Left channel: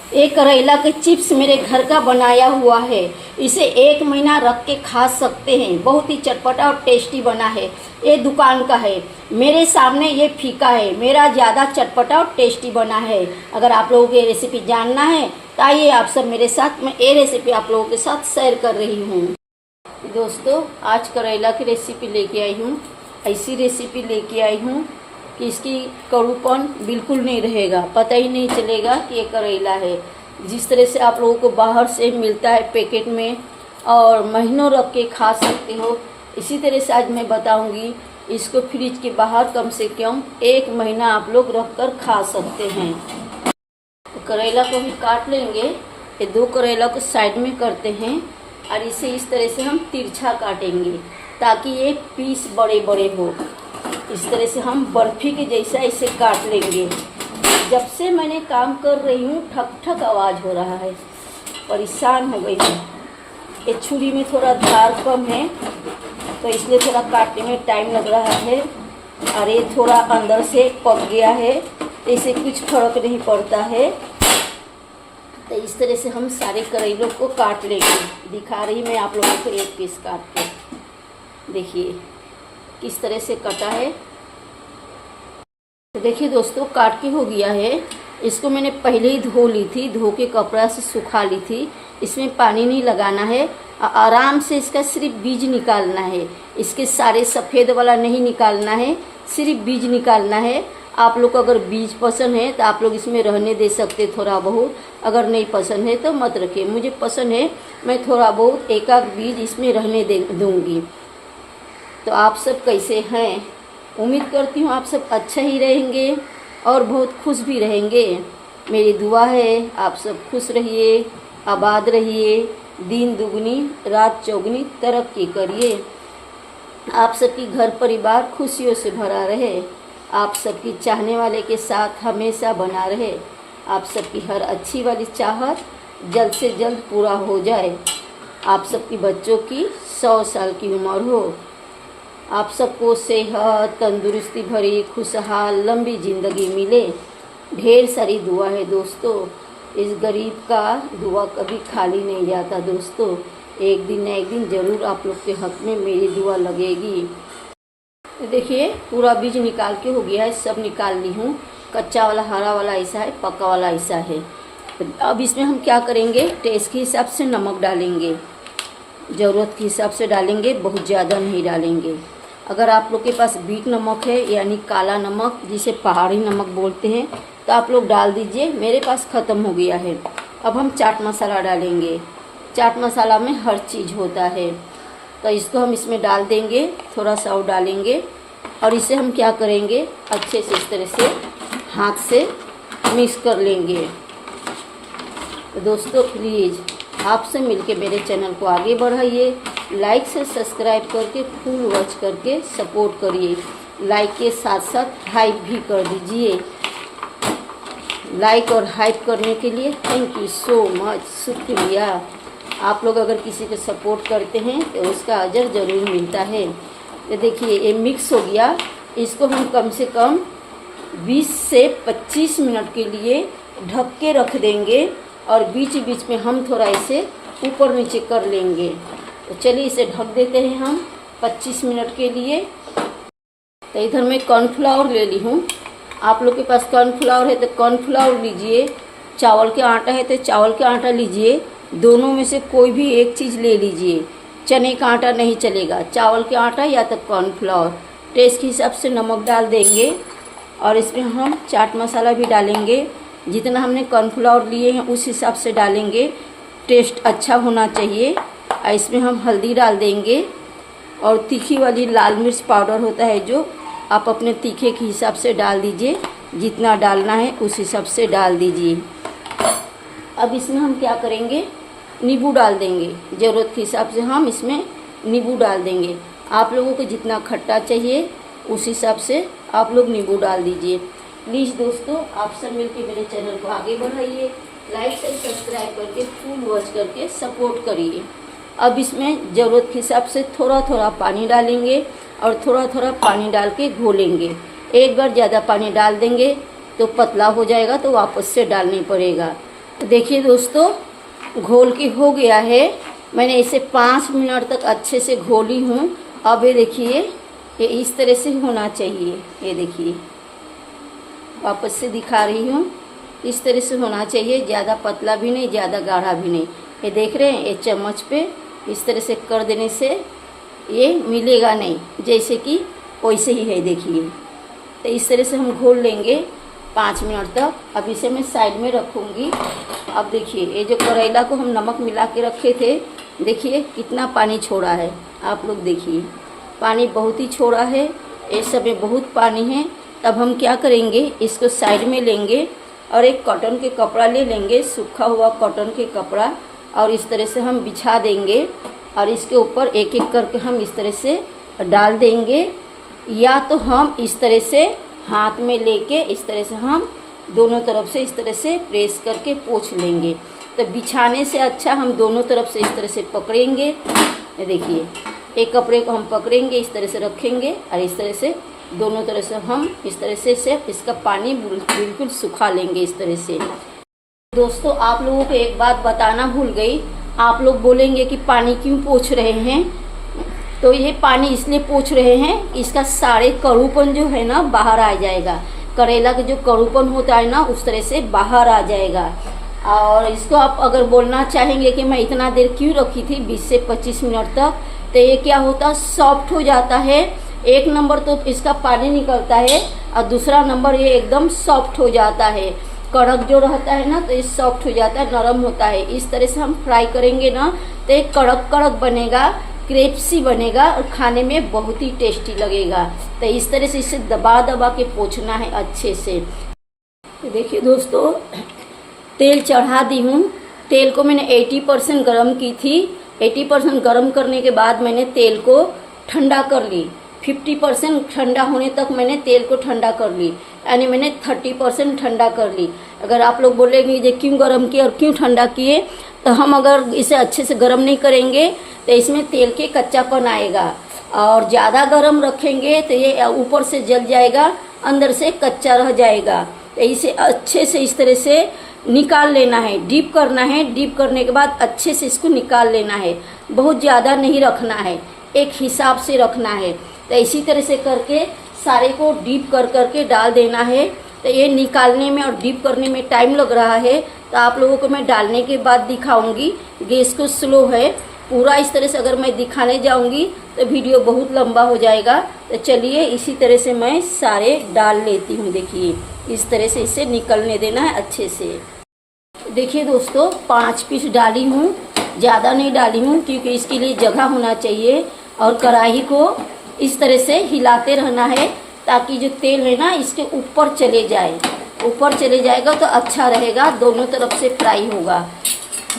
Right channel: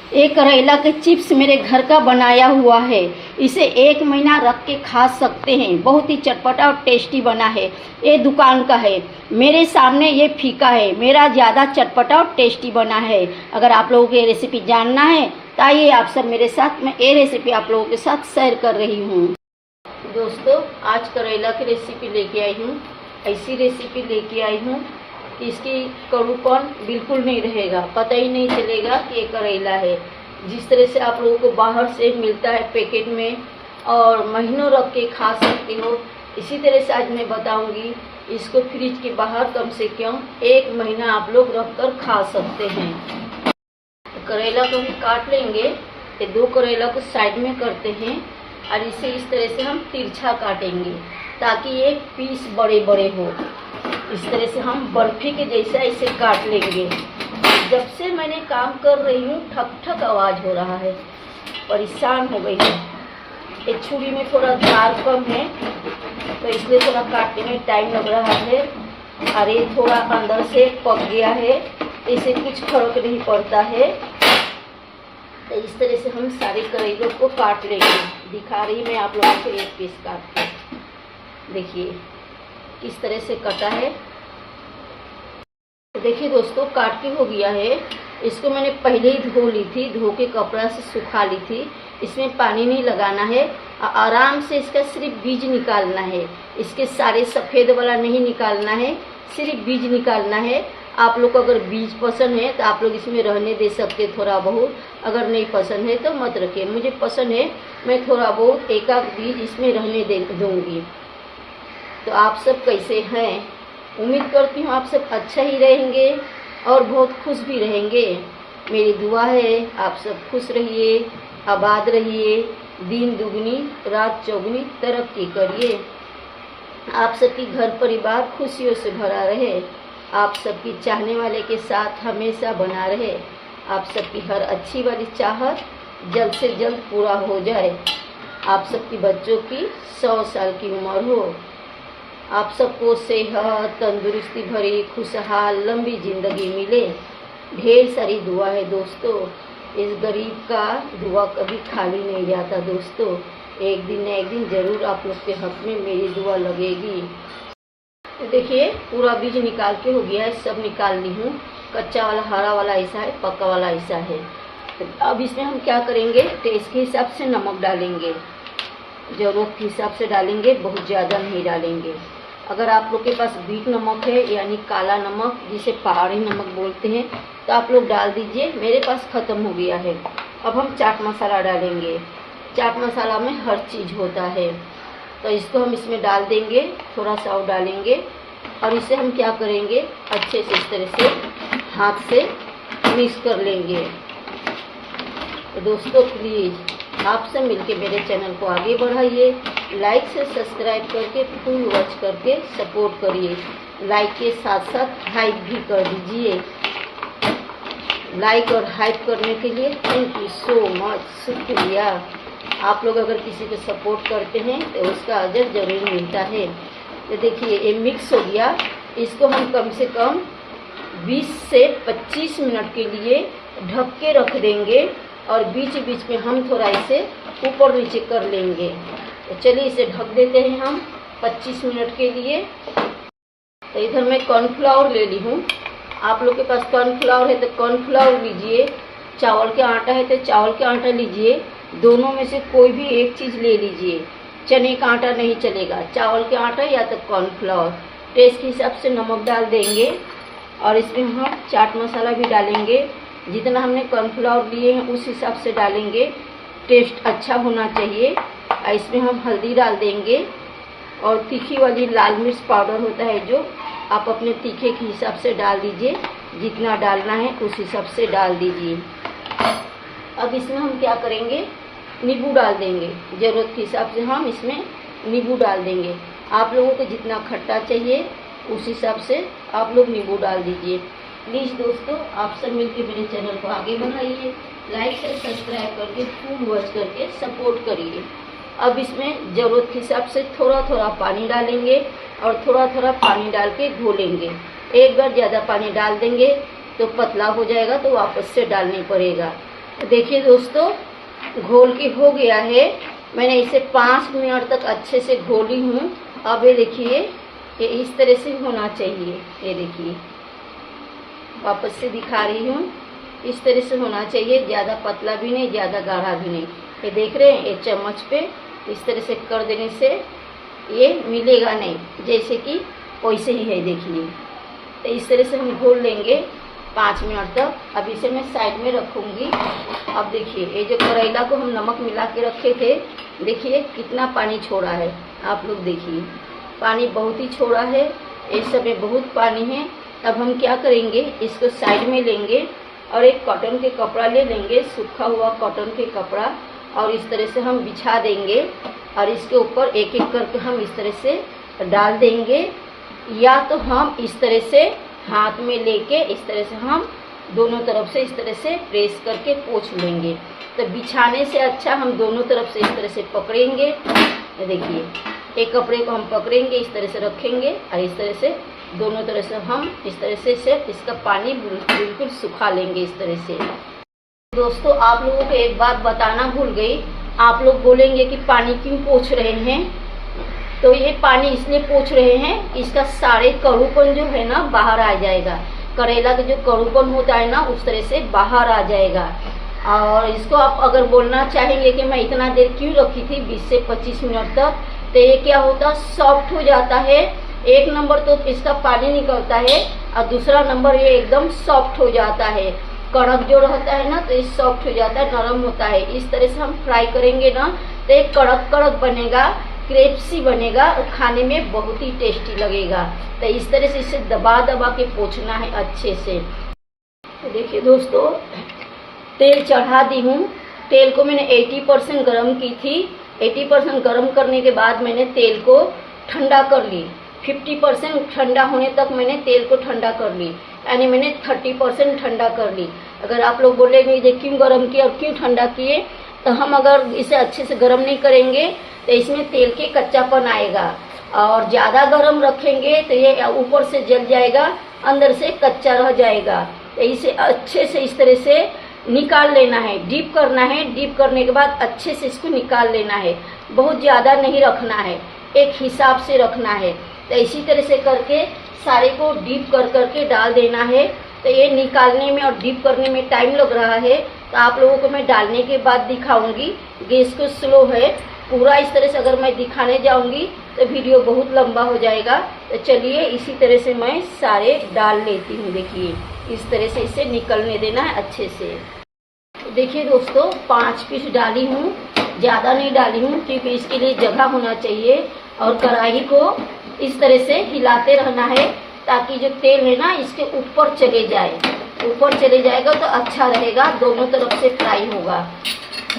ये करेला के चिप्स मेरे घर का बनाया हुआ है। इसे 1 महीना रख के खा सकते हैं। बहुत ही चटपटा और टेस्टी बना है। ये दुकान का है। मेरे सामने ये फीका है, मेरा ज़्यादा चटपटा और टेस्टी बना है। अगर आप लोगों को ये रेसिपी जानना है तो आइए आप सब मेरे साथ, मैं ये रेसिपी आप लोगों के साथ शेयर कर रही हूँ। दोस्तों, आज करेला की रेसिपी लेके आई हूँ। ऐसी रेसिपी लेके आई हूँ कि इसकी कड़ूपन बिल्कुल नहीं रहेगा, पता ही नहीं चलेगा कि ये करेला है। जिस तरह से आप लोगों को बाहर से मिलता है पैकेट में और महीनों रख के खा सकते हो, इसी तरह से आज मैं बताऊंगी। इसको फ्रिज के बाहर कम से कम 1 महीना आप लोग रख कर खा सकते हैं। तो करेला को हम काट लेंगे। ये 2 करेला को साइड में करते हैं और इसे इस तरह से हम तिरछा काटेंगे ताकि ये पीस बड़े बड़े हो। इस तरह से हम बर्फी के जैसा इसे काट लेंगे। जब से मैंने काम कर रही हूँ ठक ठक आवाज़ हो रहा है, परेशान हो गई हूँ। ये छुरी में थोड़ा धार कम है तो इसलिए थोड़ा काटने में टाइम लग रहा है। और ये थोड़ा अंदर से पक गया है, इससे कुछ फर्क नहीं पड़ता है। तो इस तरह से हम सारे करेलों को काट लेंगे। दिखा रही मैं आप लोगों को एक पीस काट के। देखिए किस तरह से कटा है। तो देखिए दोस्तों, काट के हो गया है। इसको मैंने पहले ही धो ली थी, धो के कपड़ा से सुखा ली थी। इसमें पानी नहीं लगाना है, आराम से इसका सिर्फ बीज निकालना है। इसके सारे सफ़ेद वाला नहीं निकालना है, सिर्फ बीज निकालना है। आप लोग को अगर बीज पसंद है तो आप लोग इसमें रहने दे सकते थोड़ा बहुत, अगर नहीं पसंद है तो मत रखिए। मुझे पसंद है, मैं थोड़ा बहुत एक आध बीज इसमें रहने दूंगी। तो आप सब कैसे हैं? उम्मीद करती हूँ आप सब अच्छा ही रहेंगे और बहुत खुश भी रहेंगे। मेरी दुआ है आप सब खुश रहिए, आबाद रहिए, दिन दुगनी रात चौगुनी तरक्की करिए। आप सबकी घर परिवार खुशियों से भरा रहे, आप सबकी चाहने वाले के साथ हमेशा बना रहे। आप सबकी हर अच्छी वाली चाहत जल्द से जल्द पूरा हो जाए। आप सबकी बच्चों की 100 साल की उम्र हो। आप सबको सेहत, तंदुरुस्ती भरी, खुशहाल, लंबी ज़िंदगी मिले। ढेर सारी दुआ है दोस्तों। इस गरीब का दुआ कभी खाली नहीं जाता दोस्तों। एक दिन न एक दिन ज़रूर आप लोग के हाथ में मेरी दुआ लगेगी। तो देखिए पूरा बीज निकाल के हो गया है, सब निकाल ली हूँ। कच्चा वाला, हरा वाला ऐसा है, पका वाला ऐसा है। तो अब इसमें हम क्या करेंगे, टेस्ट के हिसाब से नमक डालेंगे, ज़रूरत के हिसाब से डालेंगे, बहुत ज़्यादा नहीं डालेंगे। अगर आप लोग के पास बीट नमक है यानी काला नमक जिसे पहाड़ी नमक बोलते हैं तो आप लोग डाल दीजिए। मेरे पास ख़त्म हो गया है। अब हम चाट मसाला डालेंगे। चाट मसाला में हर चीज़ होता है, तो इसको हम इसमें डाल देंगे। थोड़ा सा और डालेंगे और इसे हम क्या करेंगे, अच्छे से इस तरह से हाथ से मिक्स कर लेंगे। तो दोस्तों प्लीज़ आपसे मिलके मेरे चैनल को आगे बढ़ाइए। लाइक से सब्सक्राइब करके फुल वॉच करके सपोर्ट करिए। लाइक के साथ साथ हाइप भी कर दीजिए। लाइक और हाइप करने के लिए थैंक यू सो मच, शुक्रिया। आप लोग अगर किसी को सपोर्ट करते हैं तो उसका अजर ज़रूर मिलता है। तो देखिए ये मिक्स हो गया। इसको हम कम से कम 20 से 25 मिनट के लिए ढक के रख देंगे और बीच बीच में हम थोड़ा इसे ऊपर नीचे कर लेंगे। तो चलिए इसे ढक देते हैं हम 25 मिनट के लिए। तो इधर मैं कॉर्नफ्लावर ले ली हूँ। आप लोग के पास कॉर्नफ्लावर है तो कॉर्नफ्लावर लीजिए, चावल के आटा है तो चावल के आटा लीजिए। दोनों में से कोई भी एक चीज़ ले लीजिए। चने का आटा नहीं चलेगा, चावल के आटा या तो कॉर्नफ्लावर। टेस्ट के हिसाब से नमक डाल देंगे और इसमें हम चाट मसाला भी डालेंगे। जितना हमने कॉर्नफ्लावर लिए हैं उस हिसाब से डालेंगे। टेस्ट अच्छा होना चाहिए। इसमें हम हल्दी डाल देंगे और तीखी वाली लाल मिर्च पाउडर होता है जो आप अपने तीखे के हिसाब से डाल दीजिए। जितना डालना है उस हिसाब से डाल दीजिए। अब इसमें हम क्या करेंगे, नींबू डाल देंगे। ज़रूरत के हिसाब से हम इसमें नींबू डाल देंगे। आप लोगों को जितना खट्टा चाहिए उस हिसाब से आप लोग नींबू डाल दीजिए। प्लीज़ दोस्तों आप सब मिलकर मेरे चैनल को आगे बढ़ाइए। लाइक और सब्सक्राइब करके फुल वॉच करके सपोर्ट करिए। अब इसमें ज़रूरत के हिसाब से थोड़ा थोड़ा पानी डालेंगे और थोड़ा थोड़ा पानी डाल के घोलेंगे। एक बार ज़्यादा पानी डाल देंगे तो पतला हो जाएगा, तो वापस से डालनी पड़ेगा। देखिए दोस्तों, घोल के हो गया है। मैंने इसे 5 मिनट तक अच्छे से घोली हूँ। अब ये देखिए, ये इस तरह से होना चाहिए। ये देखिए, वापस से दिखा रही हूँ, इस तरह से होना चाहिए। ज़्यादा पतला भी नहीं, ज़्यादा गाढ़ा भी नहीं। ये देख रहे हैं, ये चम्मच पे इस तरह से कर देने से ये मिलेगा नहीं, जैसे कि वैसे ही है। देखिए, तो इस तरह से हम घोल लेंगे 5 मिनट तक। अब इसे मैं साइड में रखूँगी। अब देखिए, ये जो करेला को हम नमक मिला के रखे थे, देखिए कितना पानी छोड़ा है। आप लोग देखिए, पानी बहुत ही छोड़ा है। इस सब में बहुत पानी है। तब हम क्या करेंगे, इसको साइड में लेंगे और एक कॉटन के कपड़ा ले लेंगे, सूखा हुआ कॉटन के कपड़ा, और इस तरह से हम बिछा देंगे और इसके ऊपर एक एक करके हम इस तरह से डाल देंगे। या तो हम इस तरह से हाथ में लेके इस तरह से हम दोनों तरफ से इस तरह से प्रेस करके पोंछ लेंगे। तो बिछाने से अच्छा हम दोनों तरफ से इस तरह से पकड़ेंगे। ये देखिए, एक कपड़े को हम पकड़ेंगे, इस तरह से रखेंगे और इस तरह से दोनों तरह से हम इस तरह से इसका पानी बिल्कुल सुखा लेंगे इस तरह से। दोस्तों, आप लोगों को एक बात बताना भूल गई। आप लोग बोलेंगे कि पानी क्यों पोंछ रहे हैं, तो ये पानी इसलिए पोंछ रहे हैं, इसका सारे कड़ूपन जो है ना बाहर आ जाएगा। करेला का जो कड़ूपन होता है ना, उस तरह से बाहर आ जाएगा। और इसको आप अगर बोलना चाहेंगे कि मैं इतना देर क्यों रखी थी, 20 से 25 मिनट तक, तो ये क्या होता, सॉफ्ट हो जाता है। एक नंबर तो इसका पानी निकलता है और दूसरा नंबर ये एकदम सॉफ्ट हो जाता है। कड़क जो रहता है ना, तो ये सॉफ्ट हो जाता है, नरम होता है। इस तरह से हम फ्राई करेंगे ना, तो ये कड़क कड़क बनेगा, क्रिस्पी बनेगा और खाने में बहुत ही टेस्टी लगेगा। तो इस तरह से इसे दबा दबा के पोंछना है अच्छे से। तो देखिए दोस्तों, तेल चढ़ा दी हूँ। तेल को मैंने 80% गर्म की थी। 80% गर्म करने के बाद मैंने तेल को ठंडा कर ली। 50% ठंडा होने तक मैंने तेल को ठंडा कर ली, यानी मैंने 30% ठंडा कर ली। अगर आप लोग बोलेंगे ये क्यों गर्म किया और क्यों ठंडा किए, तो हम अगर इसे अच्छे से गर्म नहीं करेंगे तो इसमें तेल के कच्चापन आएगा, और ज़्यादा गर्म रखेंगे तो ये ऊपर से जल जाएगा, अंदर से कच्चा रह जाएगा। तो इसे अच्छे से इस तरह से निकाल लेना है, डीप करना है। डीप करने के बाद अच्छे से इसको निकाल लेना है। बहुत ज़्यादा नहीं रखना है, एक हिसाब से रखना है। तो इसी तरह से करके सारे को डीप कर करके डाल देना है। तो ये निकालने में और डीप करने में टाइम लग रहा है, तो आप लोगों को मैं डालने के बाद दिखाऊंगी। गैस को स्लो है। पूरा इस तरह से अगर मैं दिखाने जाऊंगी तो वीडियो बहुत लंबा हो जाएगा। तो चलिए इसी तरह से मैं सारे डाल लेती हूँ। देखिए, इस तरह से इसे निकलने देना है अच्छे से। देखिए दोस्तों, 5 पीस डाली हूँ, ज़्यादा नहीं डाली हूँ, क्योंकि इसके लिए जगह होना चाहिए। और कढ़ाई को इस तरह से हिलाते रहना है, ताकि जो तेल है ना इसके ऊपर चले जाए। ऊपर चले जाएगा तो अच्छा रहेगा, दोनों तरफ से फ्राई होगा।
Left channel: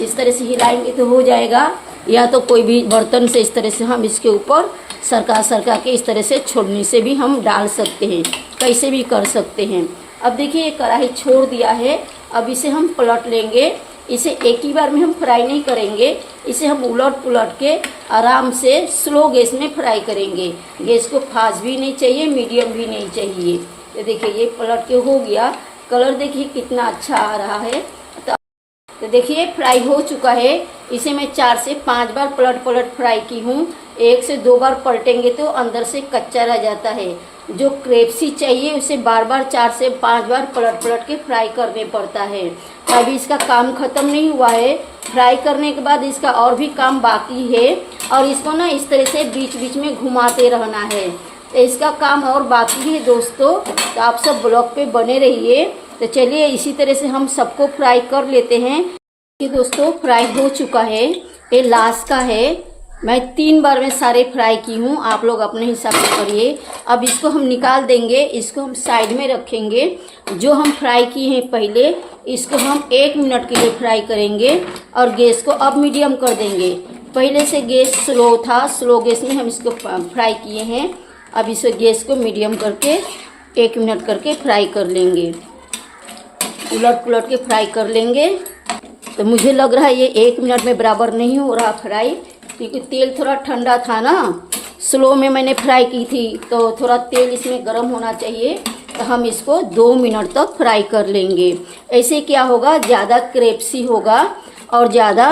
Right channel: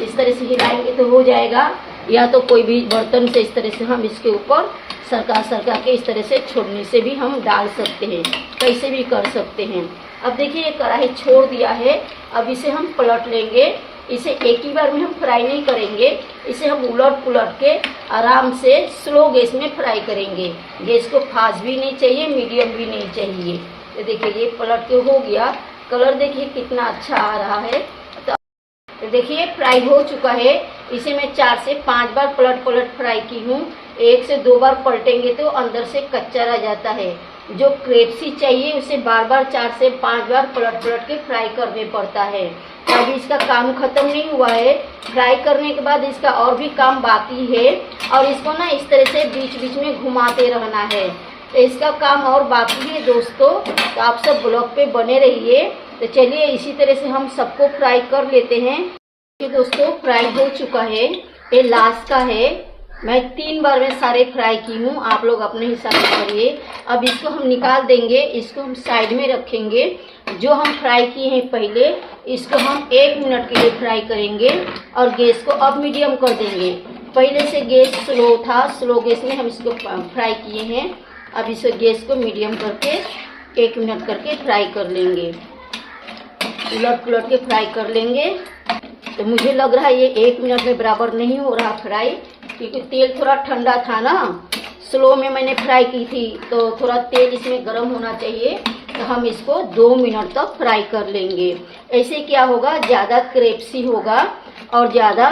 इस तरह से हिलाएंगे तो हो जाएगा। या तो कोई भी बर्तन से इस तरह से हम इसके ऊपर सरका के इस तरह से छोड़ने से भी हम डाल सकते हैं, कैसे भी कर सकते हैं। अब देखिए, ये कढ़ाई छोड़ दिया है। अब इसे हम पलट लेंगे। इसे एक ही बार में हम फ्राई नहीं करेंगे, इसे हम उलट पुलट के आराम से स्लो गैस में फ्राई करेंगे। गैस को फास्ट भी नहीं चाहिए, मीडियम भी नहीं चाहिए। तो देखिए, ये पलट के हो गया। कलर देखिए कितना अच्छा आ रहा है। तो देखिए, फ्राई हो चुका है। इसे मैं 4 से 5 बार पलट फ्राई की हूँ। 1 से 2 बार पलटेंगे तो अंदर से कच्चा रह जाता है। जो क्रिस्पी चाहिए उसे बार बार 4 से 5 बार पलट के फ्राई करने पड़ता है। अभी इसका काम खत्म नहीं हुआ है। फ्राई करने के बाद इसका और भी काम बाकी है, और इसको ना इस तरह से बीच बीच में घुमाते रहना है। तो इसका काम और बाकी है दोस्तों। तो आप सब ब्लॉग पे बने रहिए। तो चलिए इसी तरह से हम सबको फ्राई कर लेते हैं। कि दोस्तों, फ्राई हो चुका है। ये लास्ट का है। मैं 3 बार में सारे फ्राई की हूँ, आप लोग अपने हिसाब से करिए। अब इसको हम निकाल देंगे, इसको हम साइड में रखेंगे। जो हम फ्राई किए हैं पहले, इसको हम 1 मिनट के लिए फ्राई करेंगे और गैस को अब मीडियम कर देंगे। पहले से गैस स्लो था, स्लो गैस में हम इसको फ्राई किए हैं। अब इस गैस को मीडियम करके 1 मिनट करके फ्राई कर लेंगे, उलट पुलट के फ्राई कर लेंगे। तो मुझे लग रहा है ये 1 मिनट में बराबर नहीं हो रहा फ्राई, क्योंकि तेल थोड़ा ठंडा था ना। स्लो में मैंने फ्राई की थी, तो थोड़ा तेल इसमें गर्म होना चाहिए, तो हम इसको 2 मिनट तक फ्राई कर लेंगे। ऐसे क्या होगा, ज़्यादा क्रेप्सी होगा और ज़्यादा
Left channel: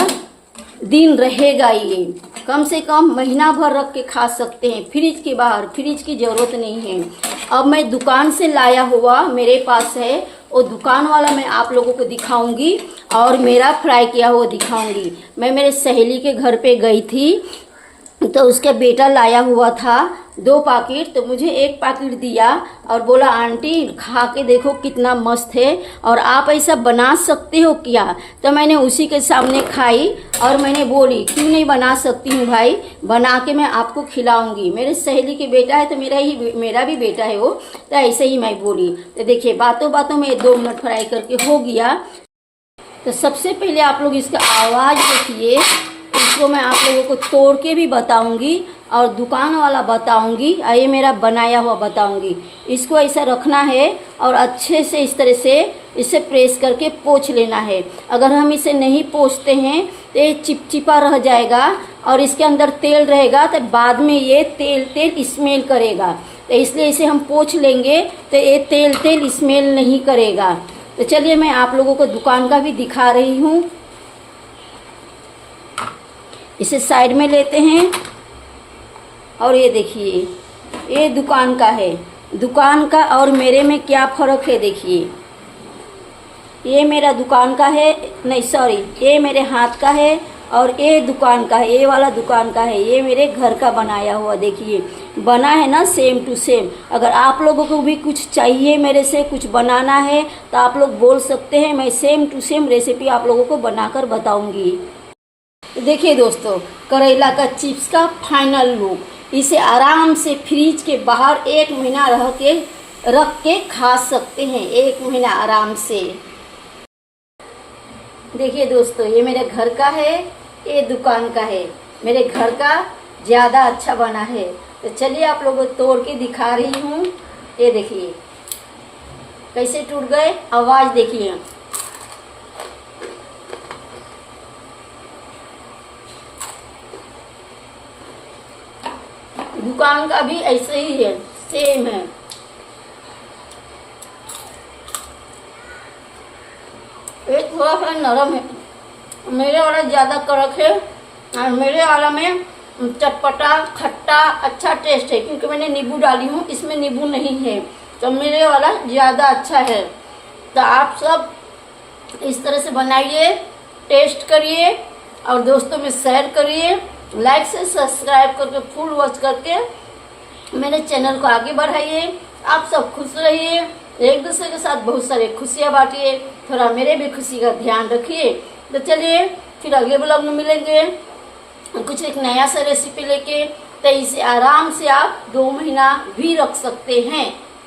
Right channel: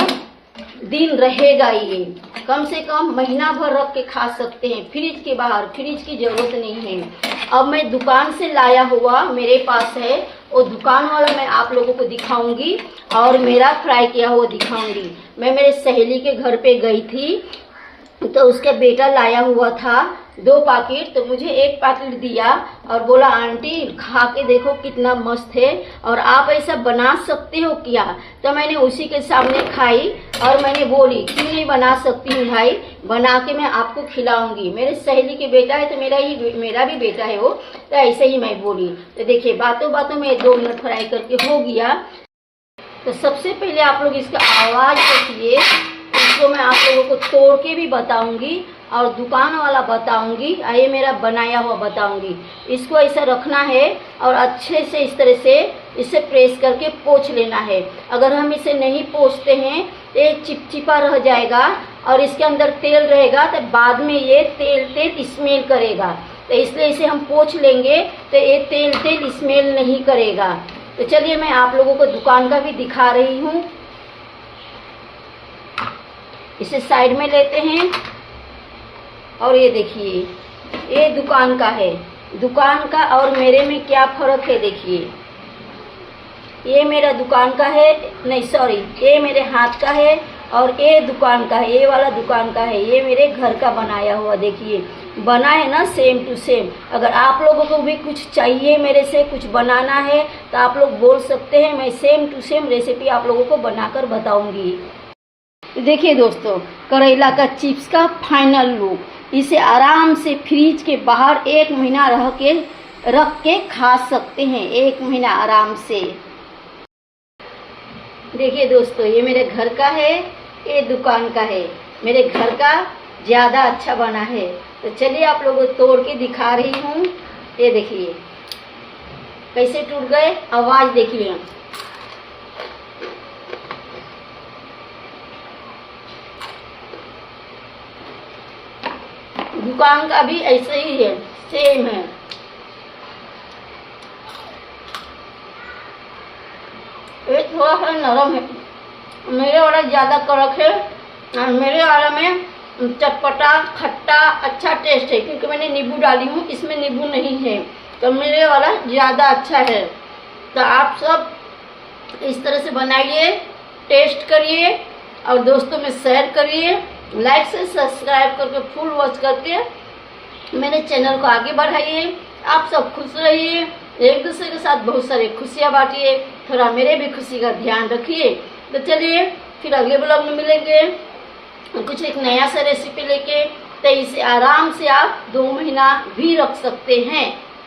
दिन रहेगा। ये कम से कम महीना भर रख के खा सकते हैं, फ्रिज के बाहर, फ्रिज की ज़रूरत नहीं है। अब मैं दुकान से लाया हुआ मेरे पास है, वो दुकान वाला मैं आप लोगों को दिखाऊंगी और मेरा फ्राई किया हुआ दिखाऊंगी। मैं मेरे सहेली के घर पे गई थी तो उसका बेटा लाया हुआ था 2 पैकेट, तो मुझे 1 पैकेट दिया और बोला आंटी खा के देखो कितना मस्त है और आप ऐसा बना सकते हो क्या। तो मैंने उसी के सामने खाई और मैंने बोली क्यों नहीं बना सकती हूँ भाई, बना के मैं आपको खिलाऊंगी। मेरे सहेली के बेटा है तो मेरा भी बेटा है वो, तो ऐसे ही मैं बोली। तो देखिए बातों बातों में 2 मिनट फ्राई करके हो गया। तो सबसे पहले आप लोग इसका आवाज़ देखिए, इसको मैं आप लोगों को तोड़ के भी बताऊंगी और दुकान वाला बताऊंगी, ये मेरा बनाया हुआ बताऊंगी। इसको ऐसा रखना है और अच्छे से इस तरह से इसे प्रेस करके पोंछ लेना है। अगर हम इसे नहीं पोंछते हैं तो ये चिपचिपा रह जाएगा और इसके अंदर तेल रहेगा, तो बाद में ये तेल स्मेल करेगा। तो इसलिए इसे हम पोंछ लेंगे तो ये तेल स्मेल नहीं करेगा। तो चलिए मैं आप लोगों को दुकान का भी दिखा रही हूँ। इसे साइड में लेते हैं और ये देखिए ये दुकान का है। दुकान का और मेरे में क्या फ़र्क है देखिए, ये मेरा दुकान का है, नहीं सॉरी, ये मेरे हाथ का है और ये दुकान का है, ये वाला दुकान का है, ये मेरे घर का बनाया हुआ। देखिए बना है ना सेम टू सेम। अगर आप लोगों को भी कुछ चाहिए मेरे से, कुछ बनाना है तो आप लोग बोल सकते हैं, मैं सेम टू सेम रेसिपी आप लोगों को बनाकर बताऊंगी। देखिए दोस्तों, करेला का चिप्स का फाइनल लुक। इसे आराम से फ्रिज के बाहर 1 महीना रख के खा सकते हैं, 1 महीना आराम से। देखिए दोस्तों, ये मेरे घर का है, ये दुकान का है। मेरे घर का ज़्यादा अच्छा बना है। तो चलिए आप लोगों को तोड़ के दिखा रही हूँ। ये देखिए कैसे टूट गए, आवाज़ देखिए। दुकान का भी ऐसे ही है, सेम है। ये थोड़ा सा नरम है, मेरे वाला ज़्यादा कड़क है और मेरे वाला में चटपटा खट्टा अच्छा टेस्ट है, क्योंकि मैंने नींबू डाली हूँ, इसमें नींबू नहीं है, तो मेरे वाला ज़्यादा अच्छा है। तो आप सब इस तरह से बनाइए, टेस्ट करिए और दोस्तों में शेयर करिए। लाइक से सब्सक्राइब करके फुल वॉच करके मेरे चैनल को आगे बढ़ाइए। आप सब खुश रहिए, एक दूसरे के साथ बहुत सारी खुशियाँ बांटिए, थोड़ा मेरे भी खुशी का ध्यान रखिए। तो चलिए फिर अगले ब्लॉग में मिलेंगे कुछ एक नया सा रेसिपी लेके। तो इसे आराम से आप 2 महीना भी रख सकते हैं।